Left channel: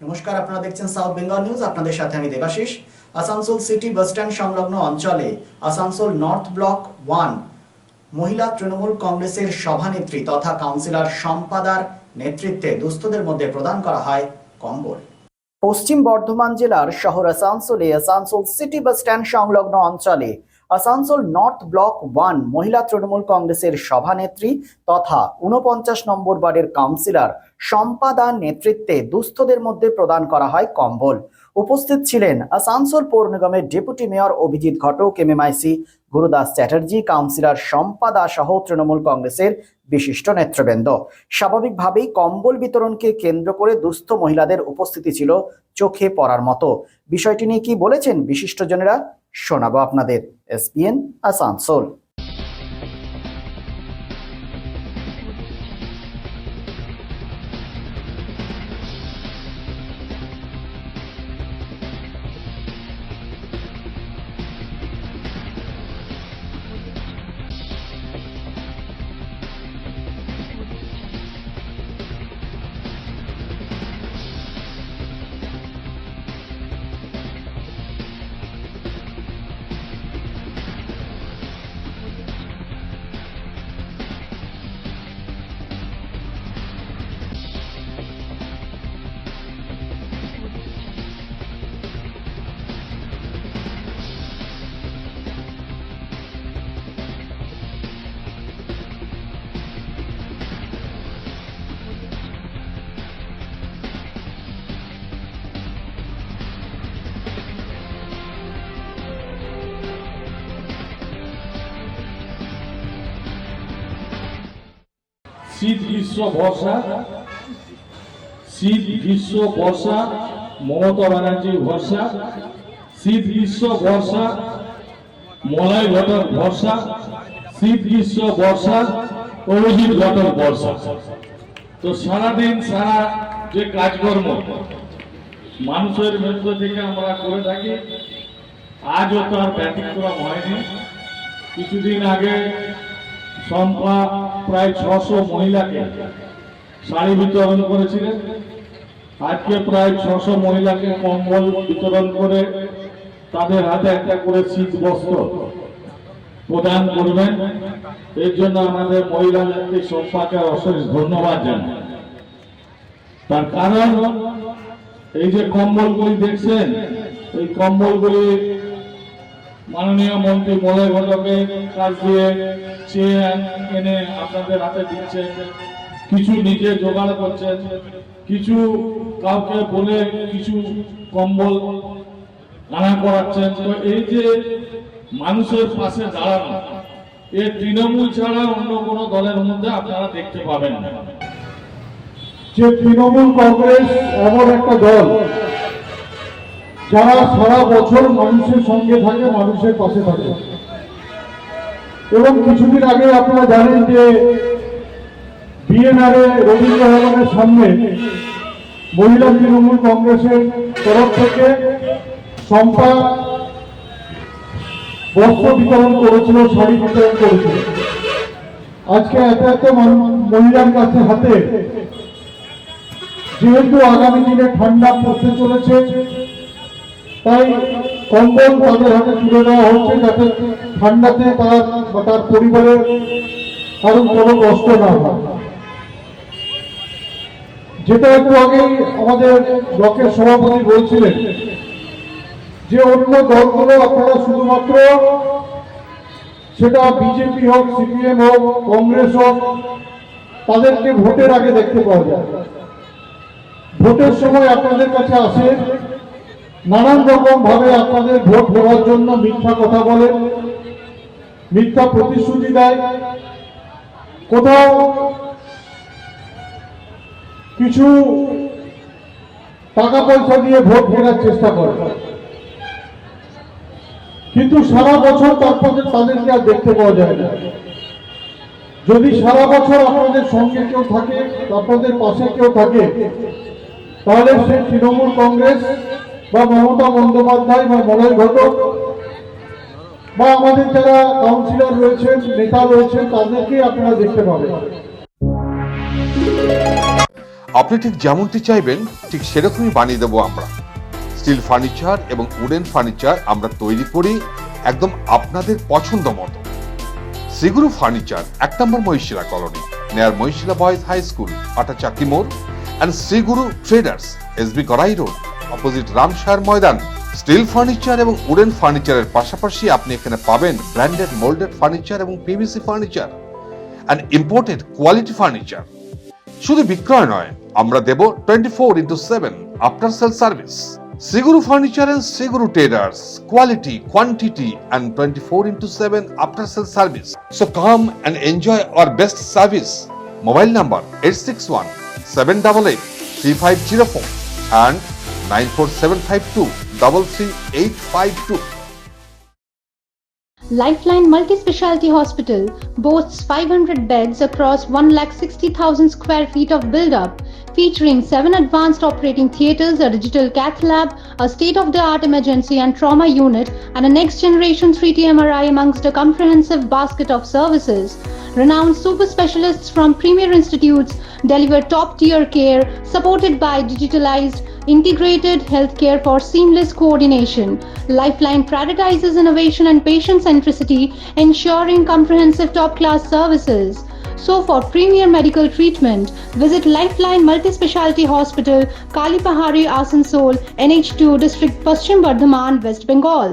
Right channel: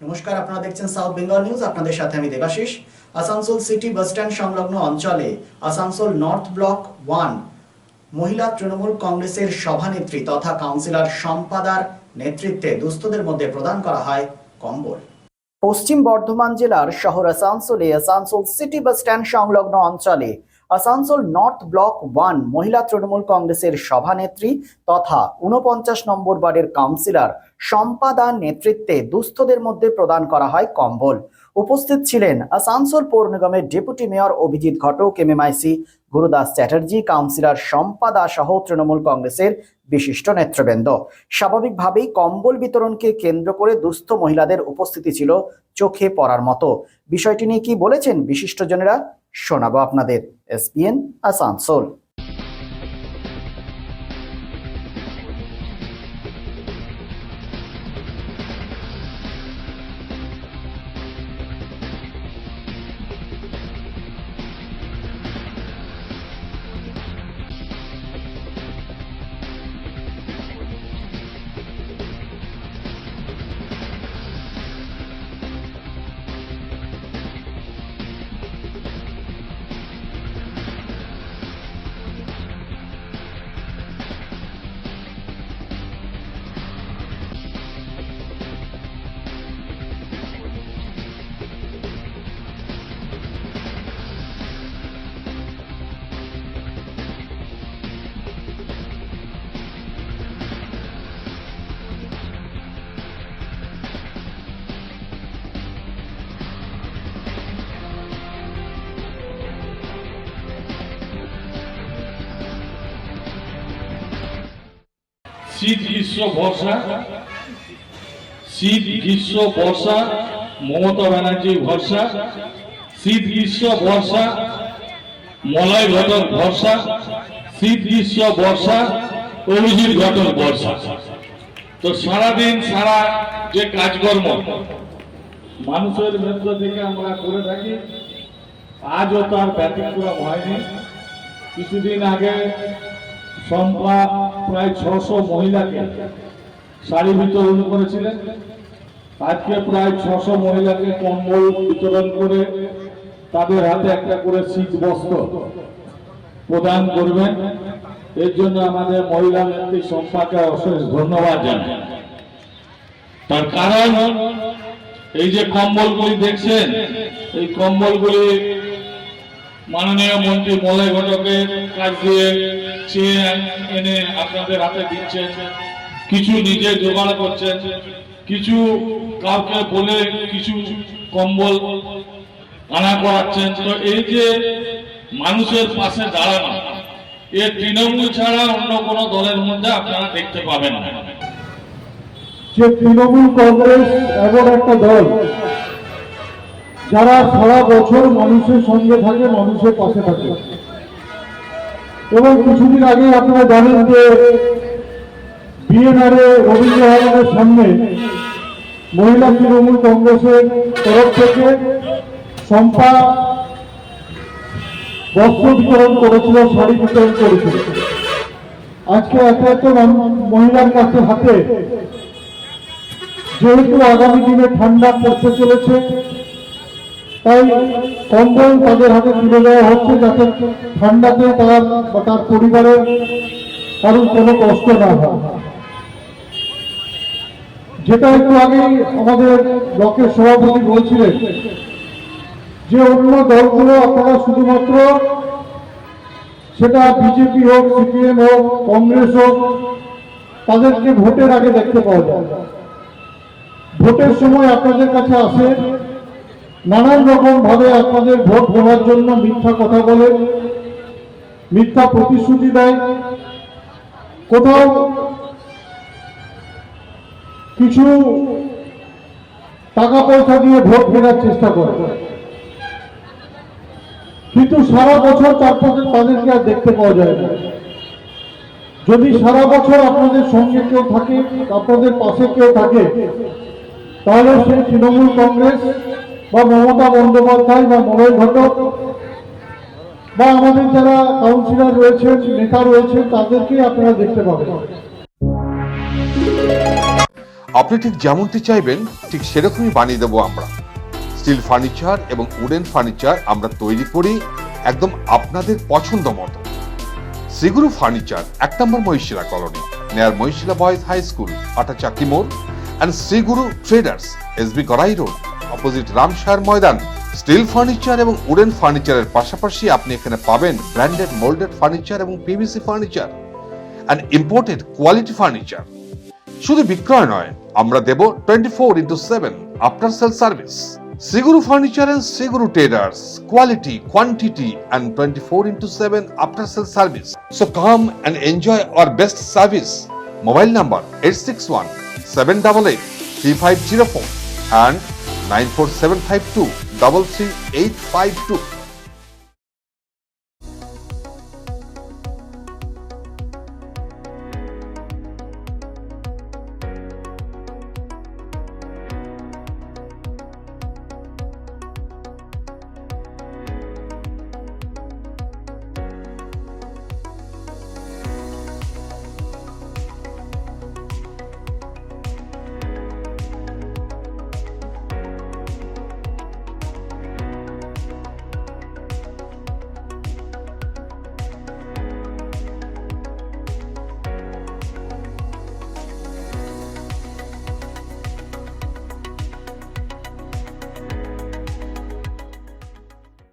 নমস্কার, আপনারা দেখছেন সাউথ বেঙ্গল নিউজ। আপনাদের সাথে আমি Debashis. Asansol city bus stand সংলগ্ন অঞ্চলে আসানসোল নর্থ ব্লক 1 মহিলা তৃণমূল কংগ্রেসের সভানেত্রী তথা কাউন্সিলর সম্পাদার নেতৃত্বে দুস্থদের মধ্যে প্রদান করা হয় কম্বল। পশ্চিম বর্ধমান জেলার শহর আসানসোলে আসানসোল সিটি বাস স্ট্যান্ড সংলগ্ন অঞ্চলে আসানসোল নর্থ ব্লক 1 মহিলা তৃণমূল কংগ্রেসের সভানেত্রী তথা ৪৯ নম্বর ওয়ার্ডের কাউন্সিলর সম্পাদার নেতৃত্বে দুস্থদের মধ্যে প্রদান করা হয় কম্বল। উপস্থিত ছিলেন আসানসোল পৌর নিগমের ডেপুটি মেয়র অভিজিৎ ঘটক, এমএমআইসি গুরুদাস চ্যাটার্জি, কাউন্সিলর সম্পাদা সহ তৃণমূল কংগ্রেসের বিশিষ্ট নেতৃবৃন্দ। স্বাভাবিকভাবেই কম্বল বিতরণকে কেন্দ্র করে দুস্থ মহিলাদের উপস্থিতি ছিল চোখে পড়ার মতো। বিষয়টি নিয়ে কি বলেছেন বিশিষ্টজনেরা শোনাবো আপনাদের। এসপিএন আসানসোল। শীত গ্রীষ্ম বর্ষা, শীত গ্রীষ্ম বর্ষা মমতা ব্যানার্জি ভরসা, শীত গ্রীষ্ম বর্ষা মলয় ঘটক ভরসা, শীত গ্রীষ্ম বর্ষা অভিজিৎ ঘটক বর্ষা। তো সারাদিন সারা যে কাজকর্ম মানুষের মধ্য থেকে আমরা করে থাকি, আজও তার ব্যতিক্রম হয়নি। কিছুদিন আগে সম্পা প্রায় ৬০০ মহিলাকে শাড়ি বিতরণ করেছিলেন। আজকে প্রায় ৬০০ মহিলাকে কম্বল বিতরণ করে তাদের হাতে একটা করে শীত বস্ত্র প্রদান করবেন। এর জন্য আমাদের মহিলা নেত্রী সম্পাকে অশেষ ধন্যবাদ জানাই। তার কারণ এই যে কম্বলগুলি দেখছেন, এই কম্বলগুলি মাননীয় মন্ত্রী মলয় ঘটকের কাছ দিয়ে চেয়ে এনে আপনাদের হাতে দিচ্ছেন, কিছু নিজে জোগাড় করছেন, কিছু কাউকে বলে কিছু কম্বল আনা করাচ্ছেন। তো এই যে মানুষের পাশে দাঁড়ানো, এ তৃণমূল ছাড়া অন্য কোনো দলের মধ্যে আপনারা দেখতে পাবেন না। যে তৃণমূল কংগ্রেস এমন একটা দল যারা সারা বছর মানুষের সঙ্গে থাকে, মানুষের পাশে থাকে। এবং কিছুদিন আগে আপনারা জানেন যে বিএনআর রবীন্দ্র ভবনের সামনে মহিলা তৃণমূল কংগ্রেসের তরফ থেকে সম্পা বস্ত্র বিতরণ করেছিল, শাড়ি বিতরণ করেছিল। আজকে এত মহিলার কাছে হাতে, যেহেতু আগামী দিনে ঠান্ডা পড়তে চলেছে, তাই কম্বল তাদের হাতে তুলে দেওয়া হচ্ছে, যাতে ঠান্ডাতে তার বা তার পরিবারের কারণ কোনো কষ্ট না হয়। যেটা একটু আগেই আমাদের ব্লকের সভাপতি বলছিলেন যে অন্য দলগুলো আপনারা শুধুমাত্র, সেটা বিজেপি হোক, সিপিএম হোক, কংগ্রেস হোক, তাদেরকে ভোটের আগে দেখতে পাওয়া যায়। ভোটের সময় আপনাদের কাছে আসে, নানান রকম ভাবে আপনাদের ভোট নেওয়ার জন্য মিথ্যা কথা বলে, মিথ্যা প্রতিশ্রুতি দেয়, কোথাও কিছু টাকা পয়সা দিয়ে ভোট কেনার চেষ্টা করে। কিন্তু সারা বছর তাদেরকে আর দেখতে পাওয়া যায় না। যদি সারা বছর আপনাদের সঙ্গে কেউ থাকে, আপনাদের পাশে কেউ থাকে, তাহলে সেই তৃণমূল কংগ্রেস বা মমতা বন্দ্যোপাধ্যায় বা মলয় ঘটক বা আমাদের যারা কাউন্সিলর রয়েছেন, নেতা রয়েছেন, তাদেরকে আপনারা দেখতে পাবেন। আপনি ঠিক যেমনটি চাইবেন ঠিক সেরকমই বানিয়ে দেবো আমরা। স্টিল ফার্নিচার এবং উডেন ফার্নিচার আমরা তৈরি করি একদম আপনাদের পছন্দ মতো। শ্রীগুরু ফার্নিচার 1 নম্বর Mahishila colony, near Mahishila boys high school, আটা চাকি মোড়, and Shriguru traders, S B Gorai road, opposite Ramshar maidan. Steel furniture এবং উডেন ফার্নিচারের পাশাপাশি আপনি এখানে পাবেন ব্র্যান্ডেড মোল্ডেড ফার্নিচার এবং PVC furniture and imported quality furniture. শুধু বিক্রয় নয়, আমরা দেব 24/7 after sale service. Shriguru furniture and Shri Guru traders, quality, quantity and 24/7 after sale service. So come and enjoy our best service. Mobile number 8617883504 and 94752 Lifeline Multi-Speciality Hospital boasts 500 beds across 1,60,000 square feet of build-up, featuring 7 advanced operating theatres, a digital cath lab, a state-of-the-art emergency and trauma unit, and a next-generation 3D MRI amongst a comprehensive basket of services. Renowned super specialists from premier institutes deliver top-tier care supported by digitalized integrated healthcare for seamless coordination. Lifeline prioritizes innovation and patient centricity, ensuring comprehensive top-class services. So for premier medical treatment, visit Lifeline Multi-Speciality Hospital, Kalipahari, Asansol, NH2 District, Paschim Bardhaman, West Bengal.